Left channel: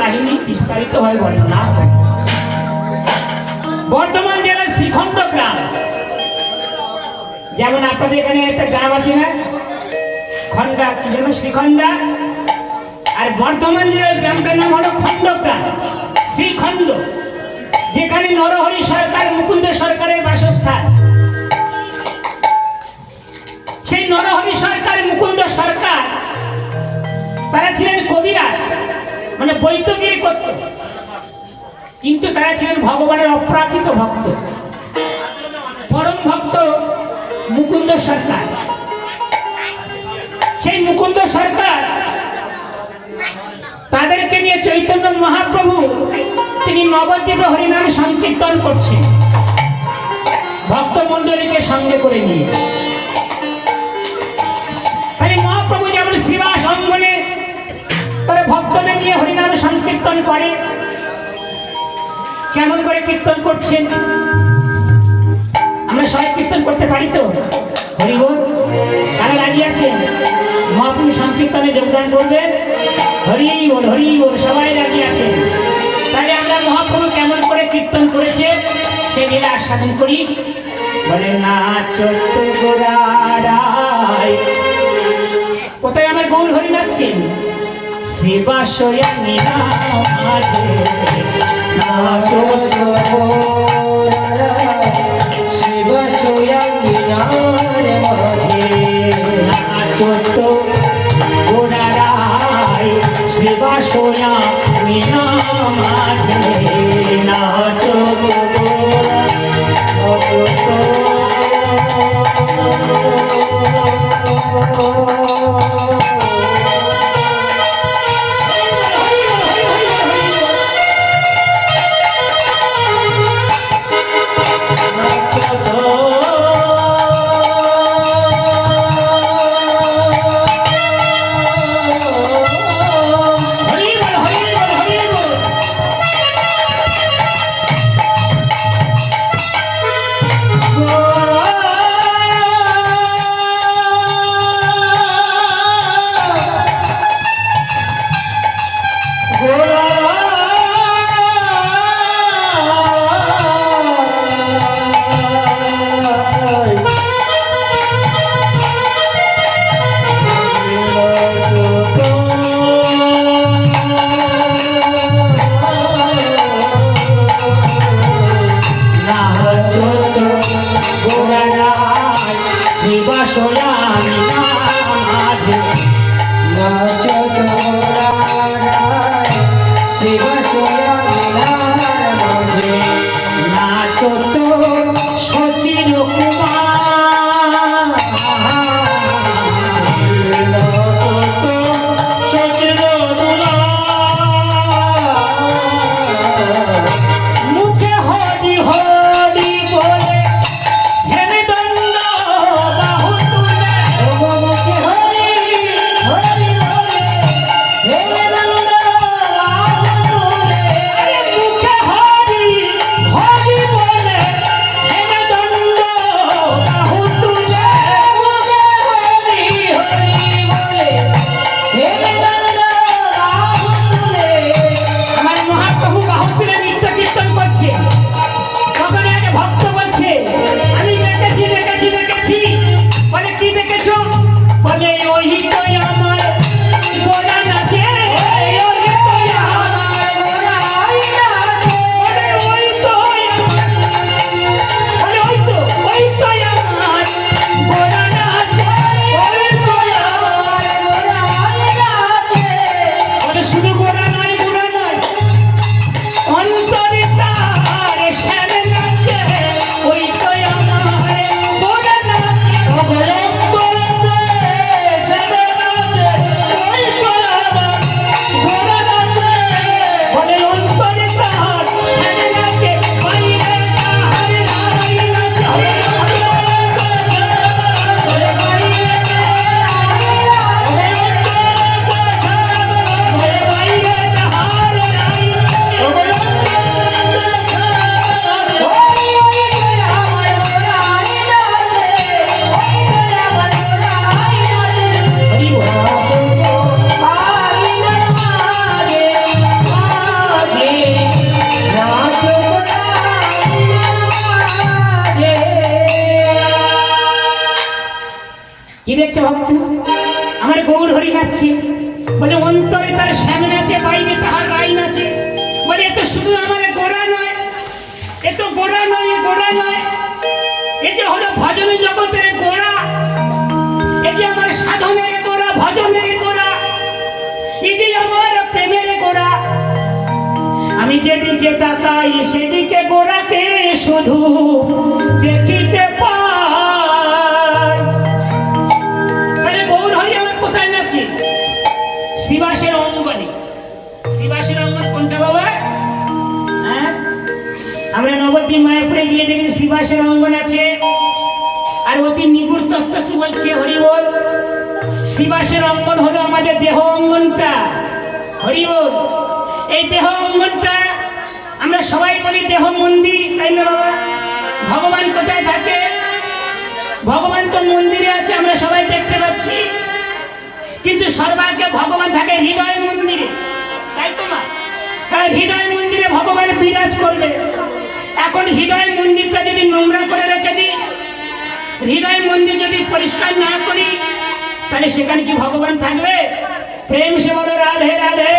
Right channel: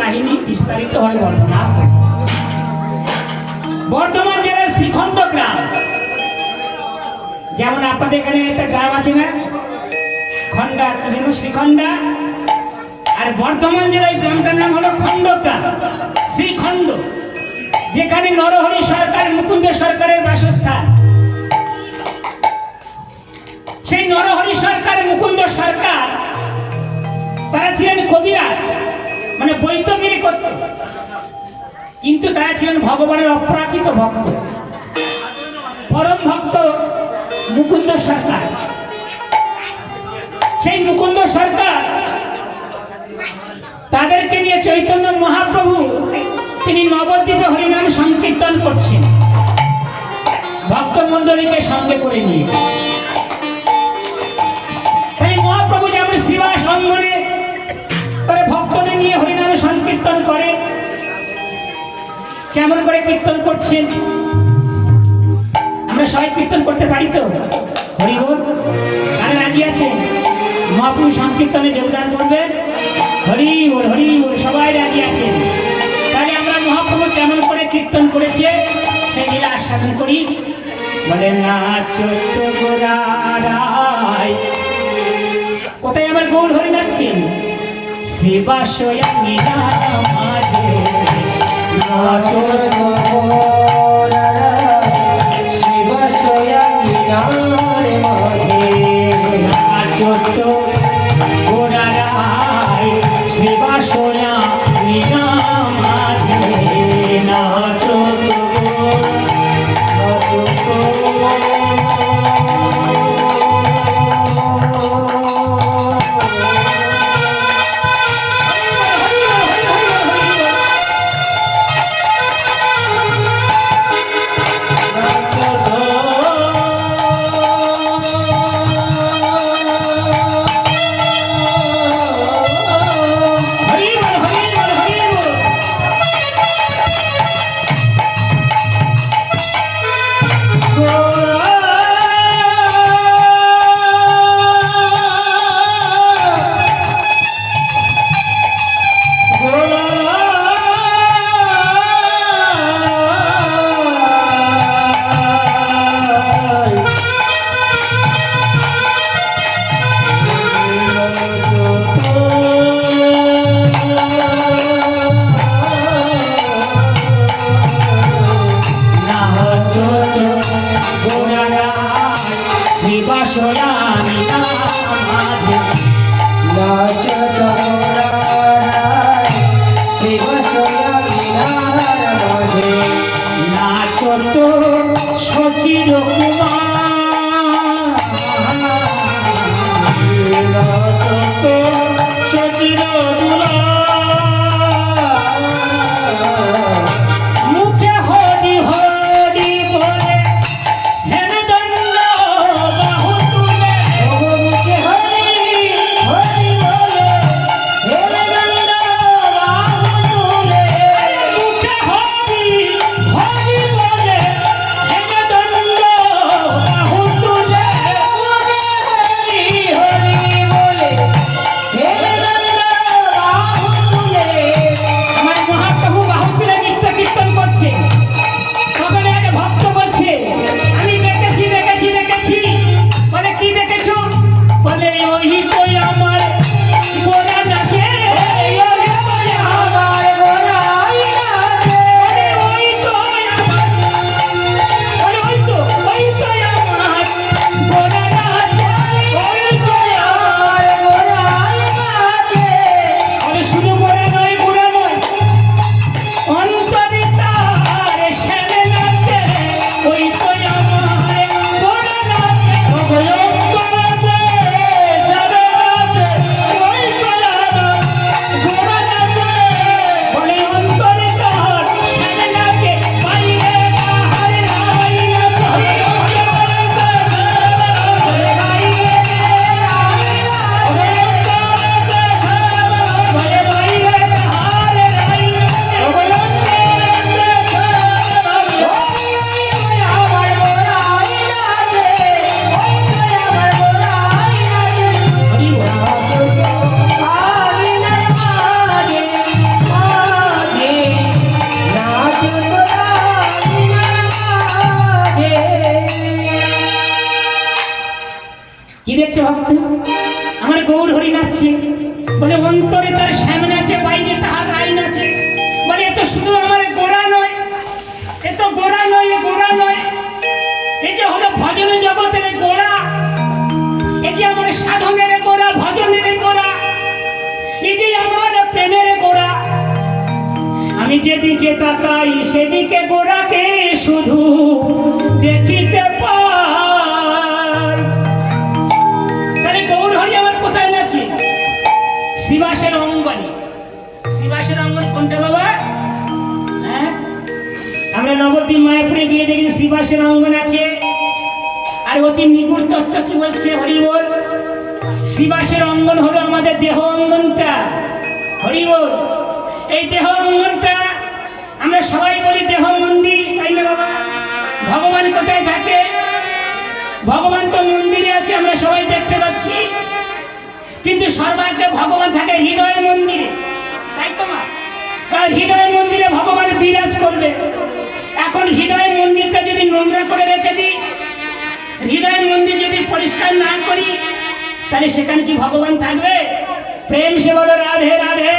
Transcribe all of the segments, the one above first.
কাহিনী বিস্তারিতভাবে বর্ণনা করে। বর্ধমান জেলার শ্রীখণ্ড গ্রাম, যেমন আপনাদের এখানে একটা গ্রাম আছে না খন্ডা, কি যেন শ্রীখণ্ডা, আর বর্ধমান জেলার গ্রামটার নাম হলো খণ্ডগ্রাম, শ্রীখণ্ড, যেখানে নরহরি সরকার মুকুন্দ সরকারের বাসস্থান। সেই নরহরি সরকার মুকুন্দ সরকার তারা ছিলেন কবিরাজ, মানে বৈদ্যগিরি করত, কিন্তু তারা ছিলেন ভগবানের অপ্রাকৃত ভক্ত, পরম ভক্ত মুকুন্দ সরকার। সেই মুকুন্দ সরকার তাদেরকে নিয়ে চৈতন্য মহাপ্রভু তিনি নবদ্বীপে হরিনাম সংকীর্তন করছেন ভক্তমণ্ডলীকে সঙ্গে করে নিয়ে। তাই মহাপ্রভু যেমন শ্রীবাস অঙ্গনে তারা ভক্তদের নিয়ে হরিনাম সংকীর্তন করে, কেমন করে কীর্তন করছেন আমরা সবাই কীর্তন করতে পারি তো? হরিবোল, আরে রাজি আছেন মহাপ্রভু সংকীর্তনে যোগদান করবে? হরি বল, হরি বল, সবাই রাজি আছেন। তাহলে আমরা মহাপ্রভু কেমন করে কীর্তন করেছে সেই লীলা আস্বাদন করি। বলে নাচো গোরাড়াই, কোথায় আমার গৌর হরি নাচছেন? সেবা সয়ানি রামারে নাচো সেবা সয়ানি রামারে নাচো গোরাড়াই সেবা সয়ানি রামারে নাচো আমি যেদিকে তাকাই সেদিকে গোরাকে শুধু দেখিতে পাই। তাহলে গৌর হরি আমার কোথায় নাচে? শ্রীবাসের অঙ্গনে। শ্রীবাসের অঙ্গন কোনটা বাবা? হ্যাঁ, আমরা নবদ্বীপ মায়াপুরে গিয়ে দেখি শ্রীবাসের অঙ্গন আছে। আর অতি নিগুড় তত্ত্ব কি বলছে? হরি বল। শ্রীবাসের অঙ্গন হলো আমাদের দেহ অঙ্গনটা। হরি বল। এই দেহ অঙ্গনটা আমরা সবাই বলি দেহ মন্দির, তাই না বাবা? ভগবান কোথায় থাকে? ভগবান তো মন্দিরে আছে, আমরা সবাই দেখতে পাচ্ছি। কিন্তু সর্বাগ্রে ভগবান থাকে হৃদয় মন্দিরে, তাই তো মা? আর হৃদয় মন্দিরে ভগবান বিরাজ করবে। এখন হৃদয় মন্দিরটা যদি নোংরা করে রেখে দিই, হৃদয় মন্দির যদি পরিষ্কার না করি, তাহলে সেখানে কি ভগবান থাকবে? প্রেম সে বলো রাধে রাধে।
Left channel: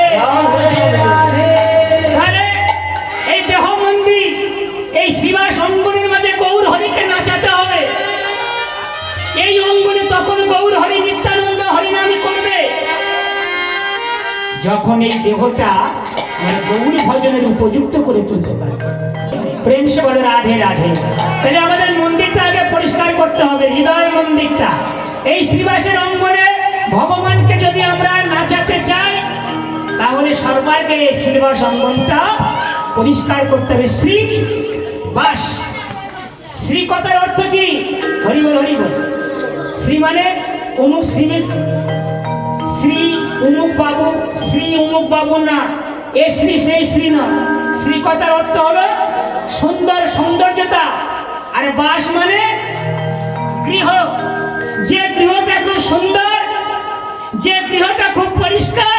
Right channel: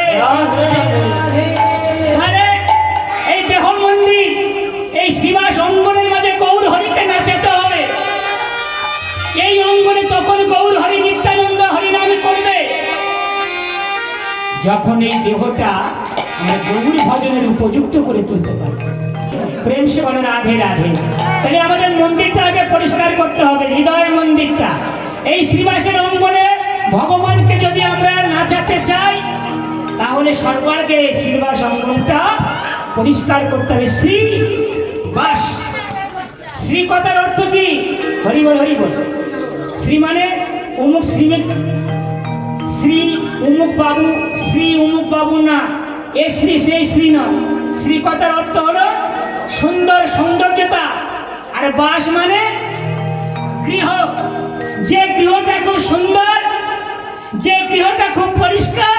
এই দেহ মন্দির, এই শ্রীবাস অঙ্গনের মাঝে গৌর হরিকে নাচাতে হবে। এই অঙ্গনে তখন গৌর হরি নিত্যানন্দ হরিনামই করবে যখন এই দেহটা মানে গৌর ভজনের উপযুক্ত করে তুলতে পারবে। প্রেম সে বলে রাধে রাধে। তাহলে আমাদের মন্দিরটা আগে পরিষ্কার করতে হবে, হৃদয় মন্দিরটা। এই শ্রীবাসের অঙ্গনে ভগবানকে যদি আমরা নাচাতে চাই, তাহলে সর্বাগ্রে শ্রীবাস অঙ্গনটা পরিষ্কার করতে হবে। শ্রী বাস, শ্রী কথার অর্থ কি? হরি বল হরি বল। শ্রী মানে অমুক শ্রী, শ্রী অমুক বাবু, শ্রী অমুক বাবু না, এ শ্রী সেই শ্রী নয়। শ্রী কথার অর্থ হলো সুন্দর, সৌন্দর্যতা। আর বাস মানে গৃহ। যে গৃহটা খুব সুন্দর, যে গৃহটা খুব পরিষ্কার,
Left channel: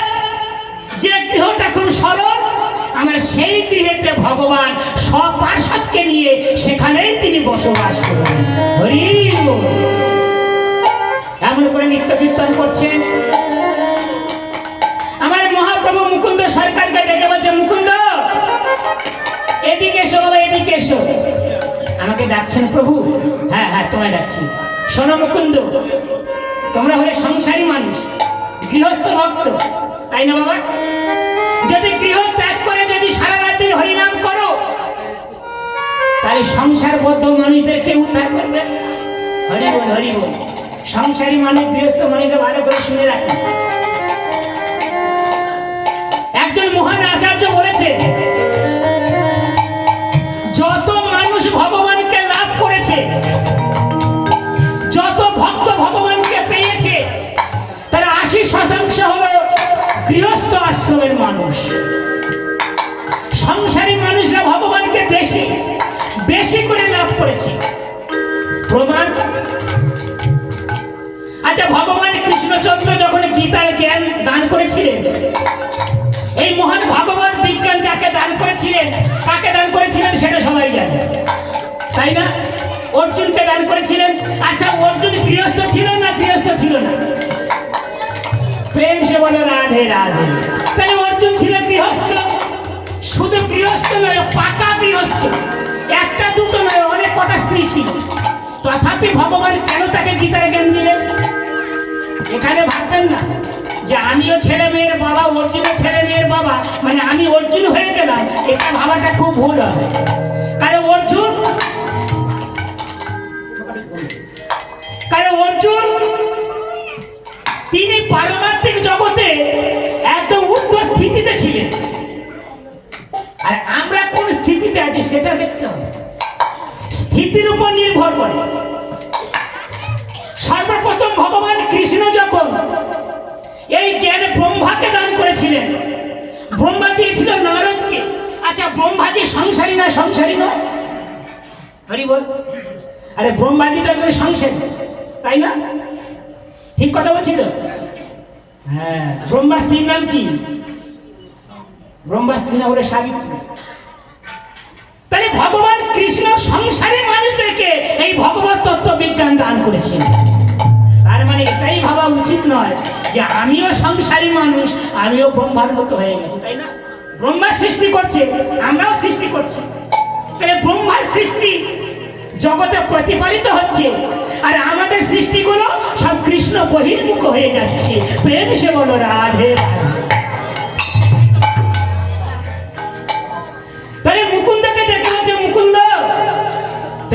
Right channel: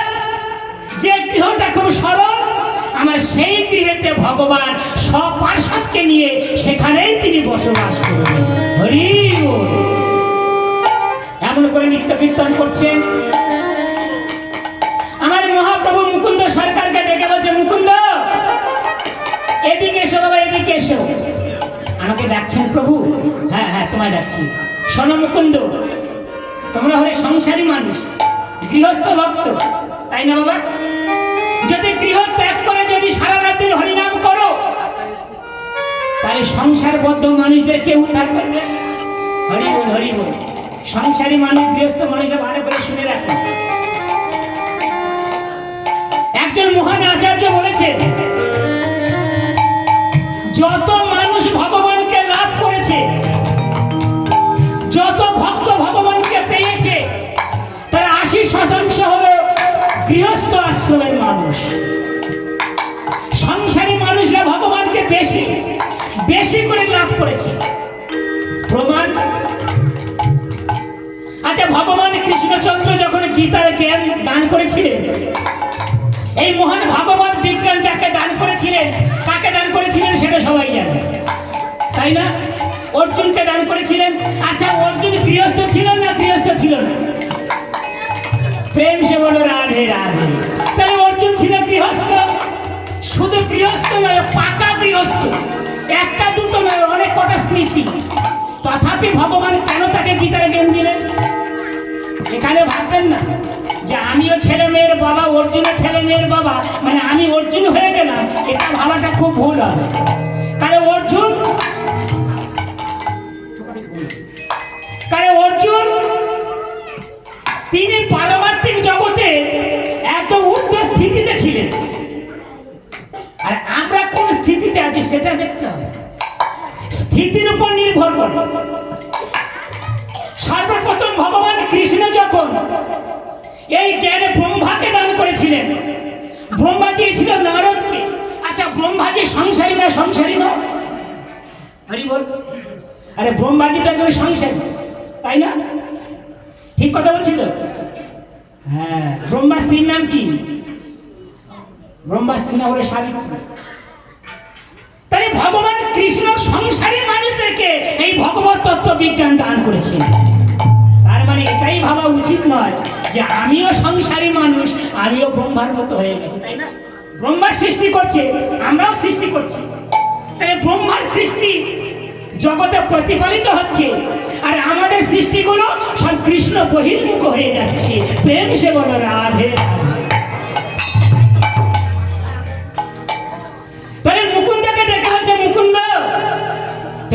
যে গৃহটা খুব সরল, আমার সেই গৃহেতে ভগবান সব পার্শ্বদকে নিয়ে সেখানেই তিনি বসবাস করবেন। হরি বল। এমন করে নিত্য কীর্তন করছেন। আমার মহাপ্রভু মুকুন্দ সরকারকে ডেকে বলছে, মুকুন্দ এদিকে এসো বাবা, এদিকে এসো। আমাকে ডাকছেন প্রভু? হ্যাঁ হ্যাঁ, তোমায় ডাকছি। শোনো মুকুন্দ, তোমরা হলে সংসারী মানুষ, গৃহস্থ ভক্ত, তাই না বাবা? যদি গৃহ ত্যাগ করে যদি সারা রাত্রি হরিনাম করো, তাহলে সংসারবদ্ধ মানুষদের কেউ উদ্ধার করবে। হরি বল হরি বল। সংসারী মানুষ, গৃহস্থ মানুষরা ভালো করে শুনে রাখুন। একজন মহান আচার্য বলেছেন, যত মানুষ ভগবানকে লাভ করেছে, যত ভক্ত ভগবানকে পেয়েছে, তার 80% হলো গৃহস্থ আশ্রমের মানুষ। সংসারী মানুষরা ভগবানকে বেশি বেশি করে লাভ করেছে। প্রমাণ? আচ্ছা, ভগবান কৃষ্ণচন্দ্র যখন গীতার জ্ঞান দান করেছিলেন, এই মহান ভগবান বিজ্ঞান যাকে দান করেছিলেন, কাকে দান করেছিলেন সেটা সবাই জানে, তাই না? অর্জুনকে দান করেছিলেন। আচ্ছা, অর্জুন গৃহস্থ ছিল না গৃহস্থ ছিল না? প্রেম সে বলো রাধে রাধে। তাহলে অর্জুন ছিল গৃহস্থ। শুধু গৃহস্থ নয়, পাকা গৃহস্থ। একটা দুটো নয়, অনেক কটা স্ত্রী ছিল। তথাপি ভগবান কেন তাকে গীতার জ্ঞান দিলেন? এখানে ভাববেন না যে আমিও ছেলে মেয়ের বাবা, অর্জুনের ছেলে মেয়ের বাবা, মানে আমি অর্জুন হয়ে গেলাম। এটা ভাবাটা খুব ভুল হবে। কারণ অর্জুন তিনি পারমার্থিক জগতে একদম উচ্চ স্থিতিতে ছিলেন। আর আমরা কোন স্থিতিতে আছি সেটা দেখতে হবে। স্থিতির উপর নির্ভর করে। সর্বপ্রথম ভগবান কৃষ্ণ যখন এই জ্ঞান ব্রহ্মাকে দান করেছিলেন, ব্রহ্মা দিয়েছিল নারদকে। আচ্ছা, ব্রহ্মাজি সংসারী না সংসারী নয়? হরি বল। আরে ব্রহ্মাজি তো একজন সংসারী, তাই না? ঠিক কথা বলছি তো? হ্যাঁ। ব্রহ্মা স্ত্রীর নাম কি? ব্রহ্মা স্ত্রী না হলে সাবিত্রী। তাহলে ভগবান কৃষ্ণ সংসারী মানুষদেরকে এই ভগবত তত্ত্ব বিজ্ঞান দান করেছেন। তার মানে এটাই ভাবা উচিত নয় যে আমিও সংসারী মানুষ, আমিও ব্রহ্মার মতো হয়ে গেছি, তাই না? ব্রহ্মা সৃষ্টি করছে, আমরাও সৃষ্টি করছি। তাই ব্রহ্মার সৃষ্টি জগতে প্রতিপালিত হচ্ছে, আর আমাদের সৃষ্টিগুলো সব কৃষ্ণ বহির্মুখ হয়ে যাচ্ছে। প্রেম সে বলো রাধে রাধে।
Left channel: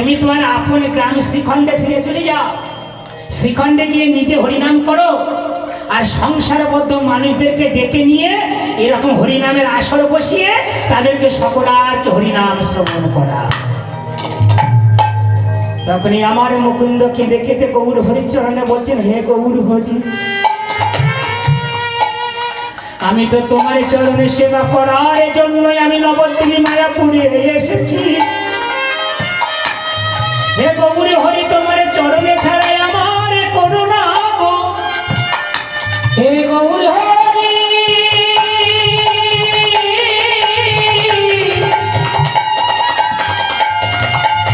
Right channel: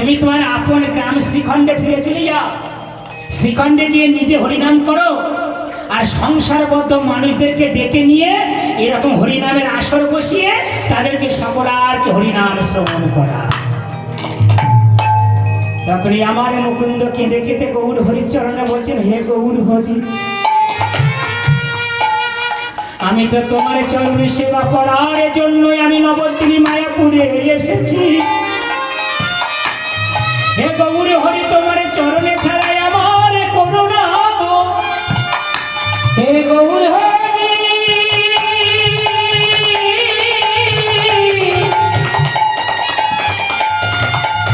তুমি তোমার আপন গ্রাম শ্রীখণ্ডে ফিরে চলে যাও, শ্রীখণ্ডে গিয়ে নিজে হরিনাম করো, আর সংসারবদ্ধ মানুষদেরকে ডেকে নিয়ে এরকম হরিনামের আসর বসিয়ে তাদেরকে সকলাকে হরিনাম শ্রবণ করা। তখনই আমার মুকুন্দকে দেখেতে গৌর হরিচরণে বলছেন, হে গৌর হরি, আমি তো তোমার চরণে সেবা করার জন্যই আমি নবদ্বীপে মায়াপুরে এসেছি। হে গৌর হরি, তোমার চরণে ছাড়াই আমার করুণা গো। হে গৌর হরি,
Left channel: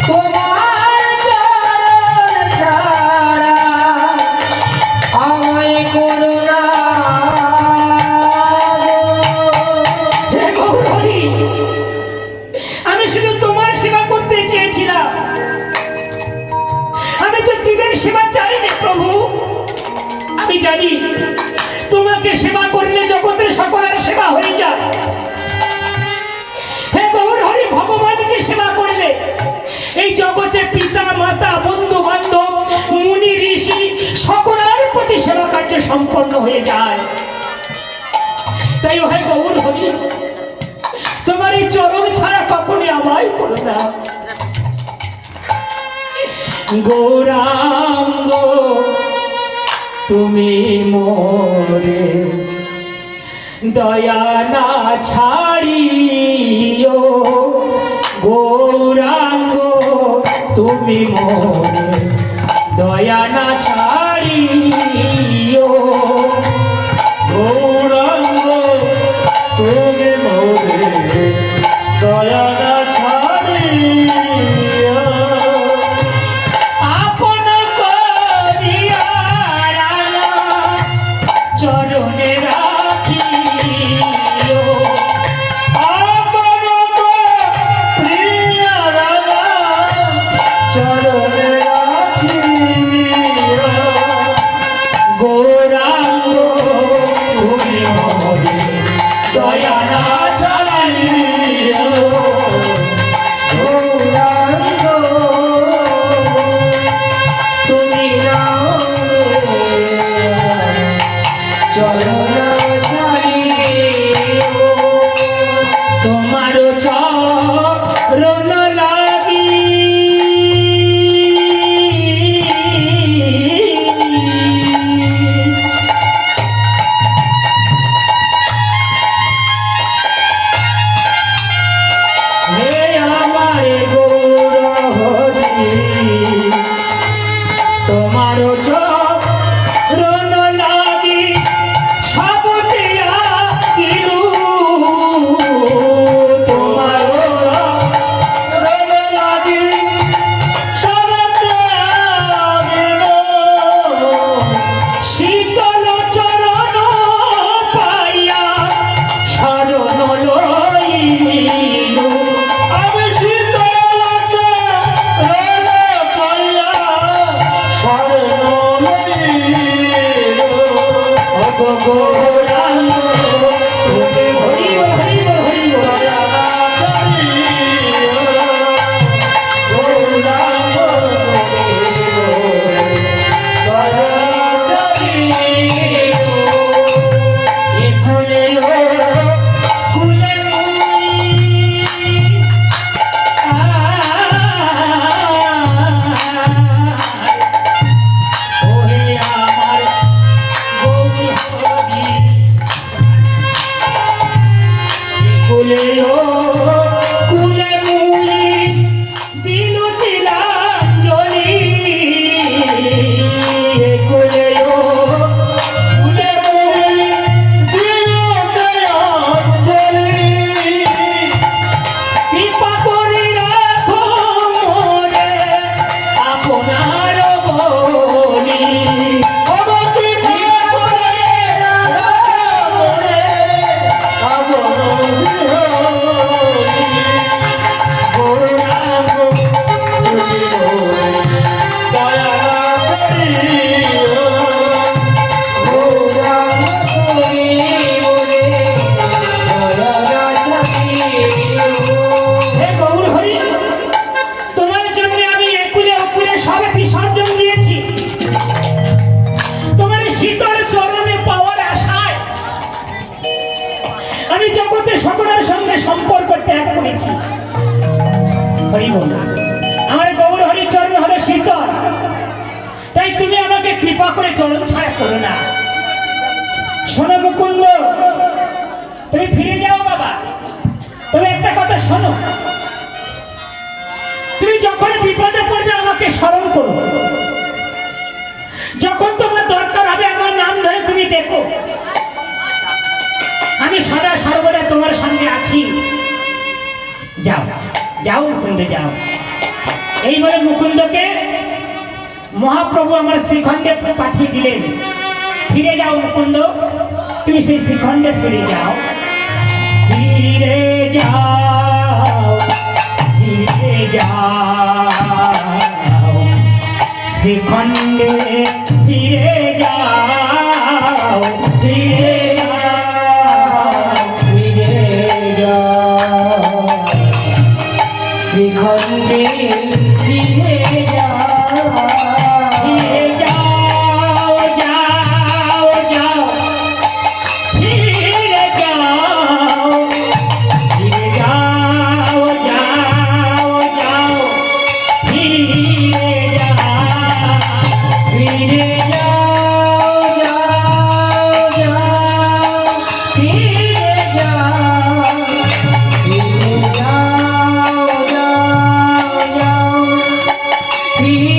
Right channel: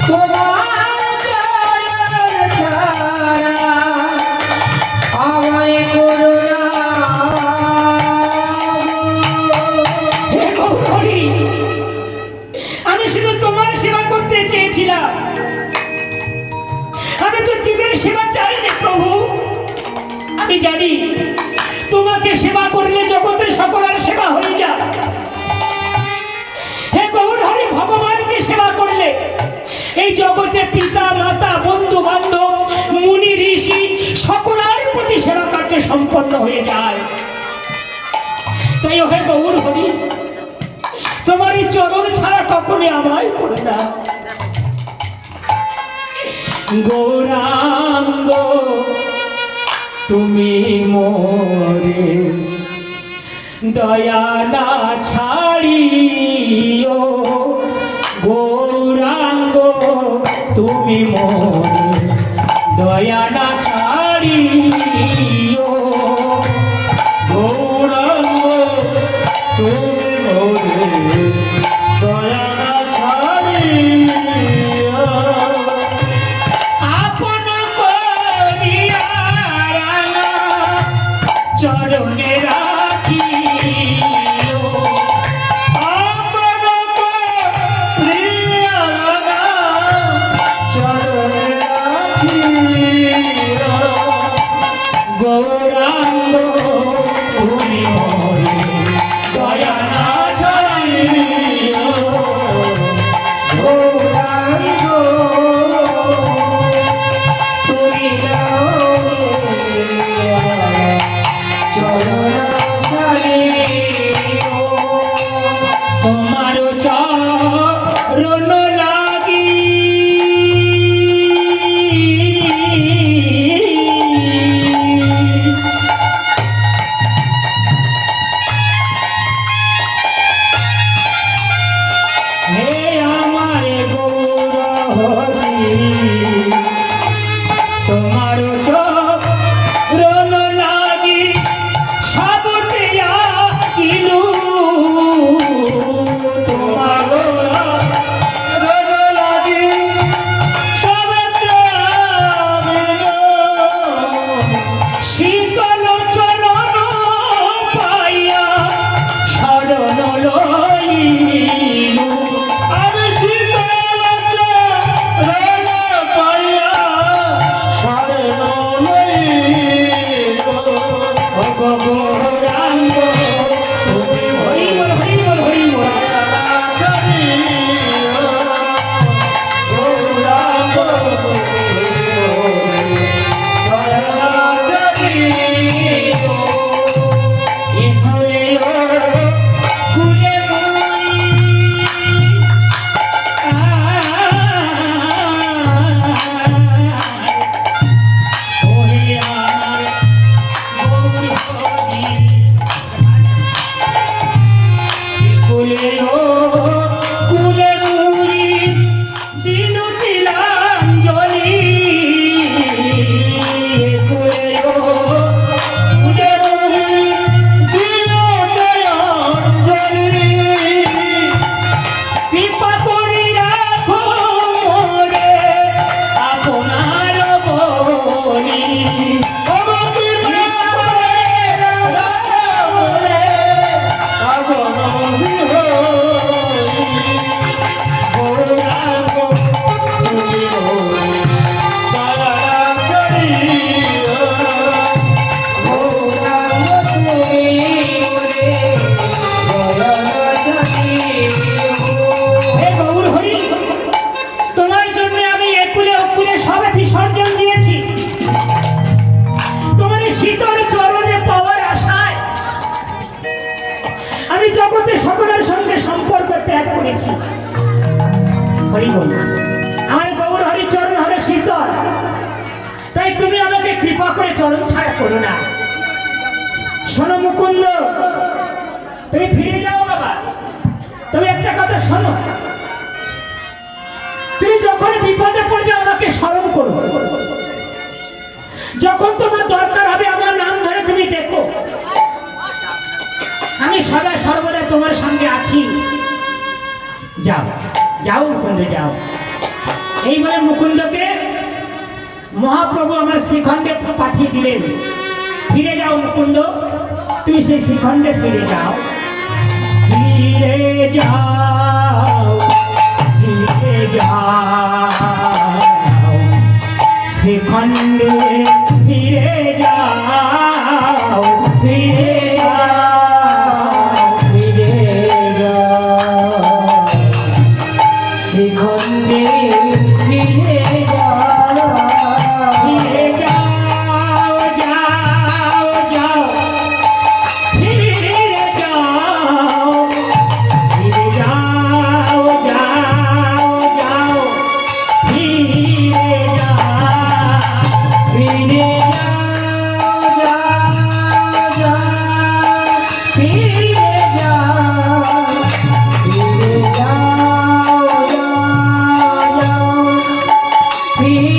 তোমার চরণ ছাড়া আমায় করুণা গো। হে গৌর হরি, আমি শুধু তোমার সেবা করতে চেয়েছিলাম, আমি তো জীবের সেবা চাইনি প্রভু। আমি জানি তোমাকে সেবা করলে জগতের সকলের সেবা হয়ে যায়। হে গৌর হরি, ভগবানকে সেবা করলে এই জগতে পিতা মাতা বন্ধু বান্ধব মুনি ঋষি সকলের প্রতি সেবা কার্য সম্পন্ন হয়ে যায়। তাই হে গৌর হরি, তোমার এই চরণ ছাড়া কখনই আমায় করো না। গৌরাঙ্গ তুমি মোরে দয়া না ছাড়িও, গৌরাঙ্গ তুমি মোরে দয়া না ছাড়িও, গৌরাঙ্গ তুমি মোরে দয়া না ছাড়িও। আপন করিয়া রাঙা চরণে রাখিও, আপন করিয়া রাঙা চরণে রাখিও। আমি জগতে সকলের সঙ্গে সম্পর্ক ত্যাগ করেছি। হরি বল, আমার গৌর হরি চরণ হবে শীতল, তাই তুমি আমাকে কৃপা করে চরণ ছাড়া করো না। শোনো মুকুন্দ, তুমি ফিরে যাও বাবা, তবে একটা কথা শোনো, তুমি যখন বিপদে পড়বে আমাকে স্মরণ করো, যখন তোমার দরকার হবে আমার নাম ধরে তুমি ডেকো, আমি সদা সর্বদা তোমার সঙ্গে আছি। যাও যাও মুকুন্দ যাও। এই বলে মুকুন্দকে মহাপ্রভু আমার শ্রীখণ্ডে পাঠিয়ে দিলেন। ফিরে যাও মুকুন্দ, তুমি সেই শ্রীখণ্ডে ফিরে যাও, ফিরে যাও, ফিরে যাও, শ্রীখণ্ডে ফিরে যাও, ফিরে যাও, ফিরে যাও, শ্রীখণ্ডে ফিরে যাও, ফিরে যাও, যাও, যাও, ফিরে যাও, ফিরে যাও, যাও, যাও, ফিরে যাও, ফিরে যাও, যাও, যাও, ফিরে যাও, ফিরে যাও, যাও, যাও, ফিরে